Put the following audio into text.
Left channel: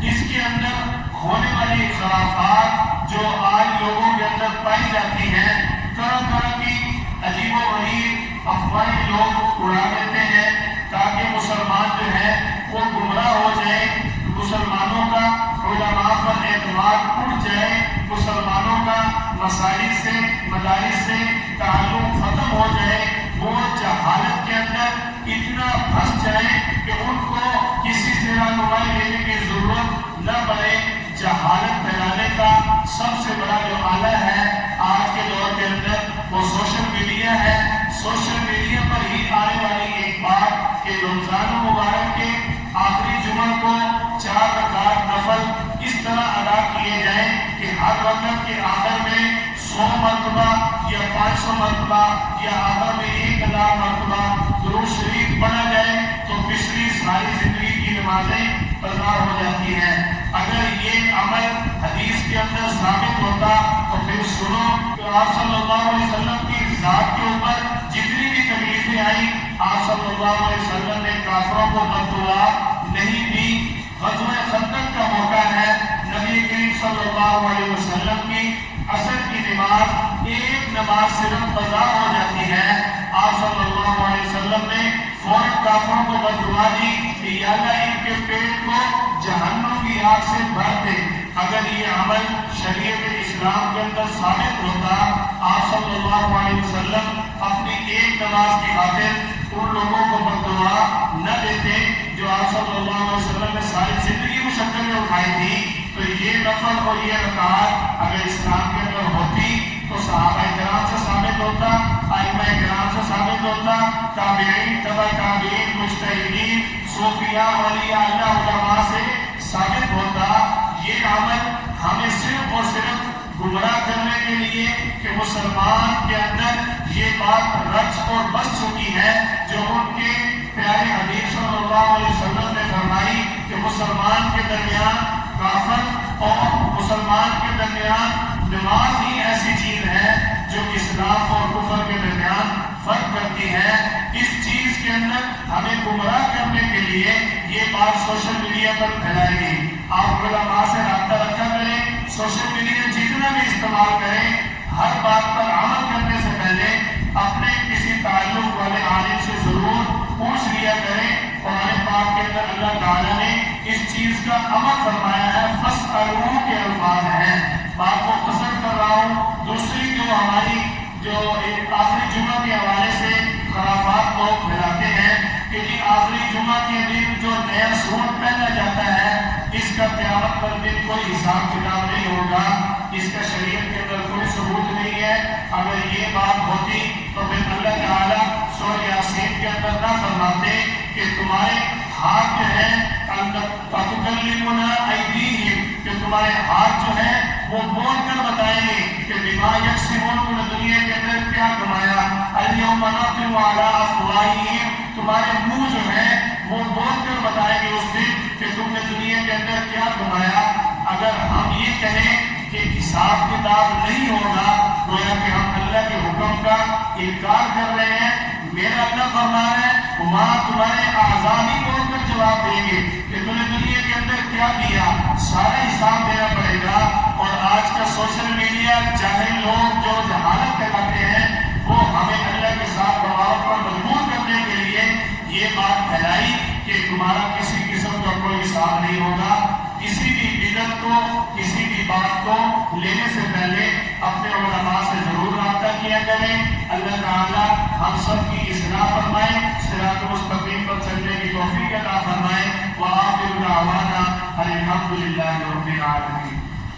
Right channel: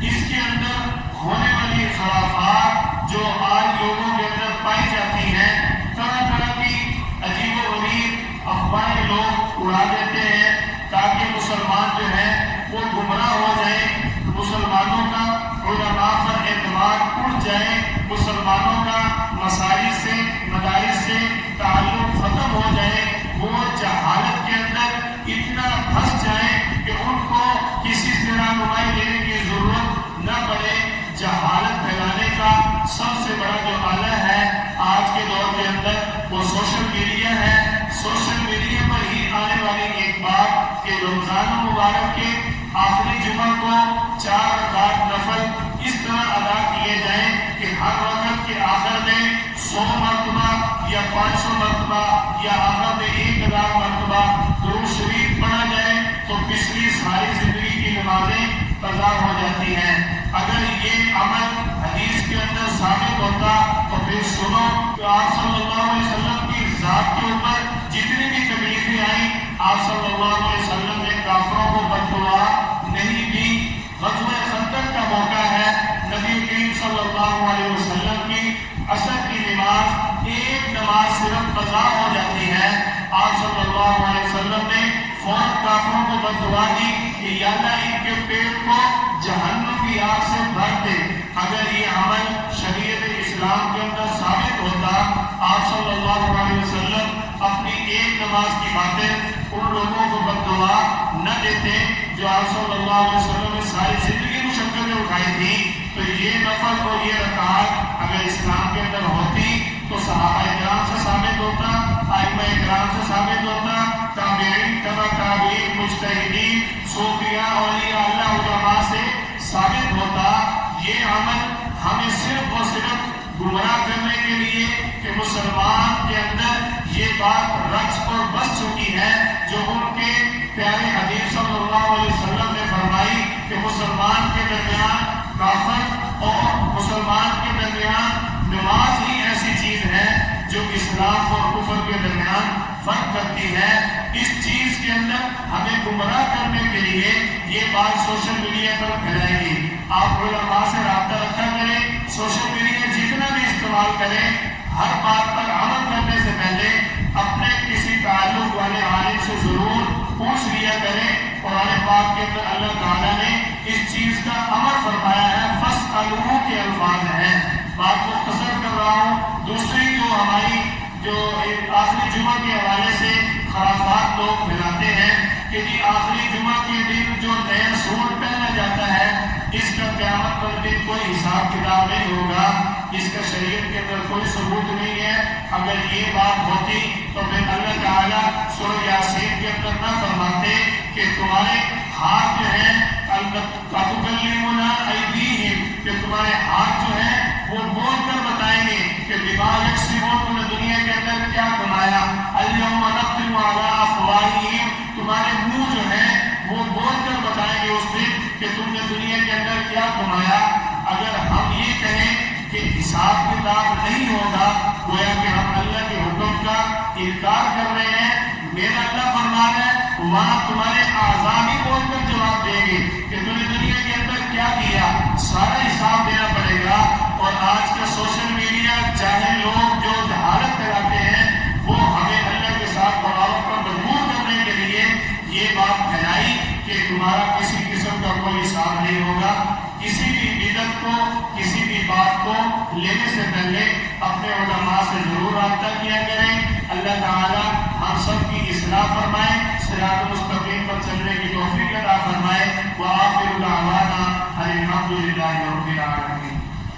اس کے اندر ہونے والی خرافات جو آج لوگوں کے اندر پائی جاتی ہیں، طرح طرح کی عجیب و غریب افواہیں لوگ اڑا دیتے ہیں تاکہ مسلمان جو ہیں وہ گمراہ ہو جائیں، مسلمانوں کا علماء پر اعتماد اٹھ جائے، مسلمانوں کا مساجد سے مدارس سے تعلق ختم ہو جائے، وہ جہالت کے اندر اتنا پھنس جائیں کہ ان کو کسی سے رہنمائی لینے کی ضرورت نہ پڑے۔ جہالت پھیلانے کا سب سے بڑا جو آلہ ہے آج کے دور کے اندر وہ سوشل میڈیا ہے۔ سوشل میڈیا پر ہی آنے والی ایک بات کہ رمضان مبارک کے آخری جمعہ کو 4 رکعت نفل اس طرح ادا کیے جائیں کہ ہر رکعت کے آخر میں 100 مرتبہ یا 500 مرتبہ یا آخر میں 1000 مرتبہ درود شریف پڑھا جائے تو پچھلی ساری زندگی کی نمازیں قضا ہو جاتی ہیں۔ اگر یہ عمل حدیث کے اندر ثابت ہوتا تو پھر سنو کہ آپ صلی اللہ علیہ وسلم کی ذات کے اوپر جتنی بھی تکلیفیں آئیں آپ صلی اللہ علیہ وسلم نے کافروں کو بد دعا نہیں دی۔ غزوہ خندق کا موقع ہے، نبی کریم صلی اللہ علیہ وسلم کی عصر کی نماز ایک نماز صرف قضا ہو جاتی ہے، آپ صلی اللہ علیہ وسلم نے فوراً کافروں کو بد دعا دی کہ یا اللہ ان کے پیٹ کو جہنم کی آگ سے بھر دے۔ اگر یہ عمل شریعت اسلام کے اندر ثابت ہوتا آپ صلی اللہ علیہ وسلم اپنی ایک نماز کی خاطر ان لوگوں کو بد دعا نہ دیتے جو آپ صلی اللہ علیہ وسلم نے ساری زندگی مشقتیں اٹھائی تھی۔ تو یہ نفل اور یہ رکعات اگر اسلام کے اندر ہوتی تو صحابہ کرام سے ثابت ہوتا، ائمہ کرام سے ثابت ہوتا، تابعین تبع تابعین مجتہدین صوفیاء اولیاء اللہ علماء سے ثابت ہوتا۔ یہ عمل ہمیں صرف اور صرف گمراہ کرنے کے لیے کہ مسلمان کے اندر یہ بات رچ اور بس چکی ہے جو ان کے پیارے حبیب صلی اللہ علیہ وسلم نے فرمائی کہ مسلمان کے درمیان کافر اور مسلمان کے درمیان نماز ہی ایسی چیز ہے جو اسلام اور کفر کے درمیان فرق کرتی ہے۔ اس چیز کے اندر ہمیں گمراہ کرنے کے لیے یہ بات سوشل میڈیا پر پھیلائے گی۔ آپ علماء سے رابطہ رکھا کریں، سوشل میڈیا جتنا بھی استعمال کریں، ہر بات پر عمل کرنے سے پہلے اپنے کسی تعلق والے عالم سے ضرور پوچھ لیا کریں۔ قرآن پاک کے اندر اللہ تعالیٰ نے اس چیز کا امر فرمایا ہے، فَاسْأَلُوا کے الفاظ ہیں۔ بات کو مختصر کر رہا ہوں۔ دوسری جو ہماری آخری جمعہ کے حوالے سے خرافات لوگ پھیلاتے ہیں کہ جی آخری جمعہ کے دن جو نیا سوٹ پہنا جاتا ہے اس کا قیامت پر دن کوئی حساب کتاب نہیں ہوگا، اس کا شریعت کے اندر کوئی ثبوت نہیں ہے۔ اگر یہ بات ہوتی تو پھر اللہ تعالیٰ سورہ یاسین کے اندر نہ فرماتے کہ تمہارے ہاتھ جو ہیں تُكَلِّمُنَا أَيْدِيهِمْ کہ تمہارے ہاتھ جو ہیں وہ بول کر بتائیں گے کہ بِمَا يَكْسِبُونَ تم نے دنیا کے اندر کیا کمایا۔ الْيَوْمَ نَخْتِمُ عَلَىٰ أَفْوَاهِهِمْ تمہارے منہ جو ہیں وہ بول کر بتائیں گے اس دن کہ تم نے دنیا کے اندر کیا کمایا۔ اگر ہم یہ کہیں کہ حساب کتاب نہیں ہوگا گویا کہ ہم اللہ کے حکم کا انکار کر رہے ہیں۔ میرا اللہ فرما رہا ہے وہاں تمہارے اعضاء ہی بول کر جواب دیں گے کہ تم نے دنیا کے اندر کیا کیا، سارا حساب دینا پڑے گا۔ اور آج کا سوشل میڈیا جاہل لوگ جو جہالت پھیلاتے ہیں وہ ہمیں اللہ کے ساتھ دباؤ پر مجبور کرنے کے لیے یہ بات پھیلائی کہ تمہارا کسی قسم کا کوئی حساب نہیں ہوگا۔ کسی بھی بدعت کو کسی بھی بات کو لینے سے پہلے اپنے علماء سے ضرور رابطہ کیا کریں۔ اللہ تعالی ہم سب کی اصلاح فرمائے، صراط المستقیم پر چلنے کی توفیق عطا فرمائے۔ وآخر دعوانا الحمدللہ۔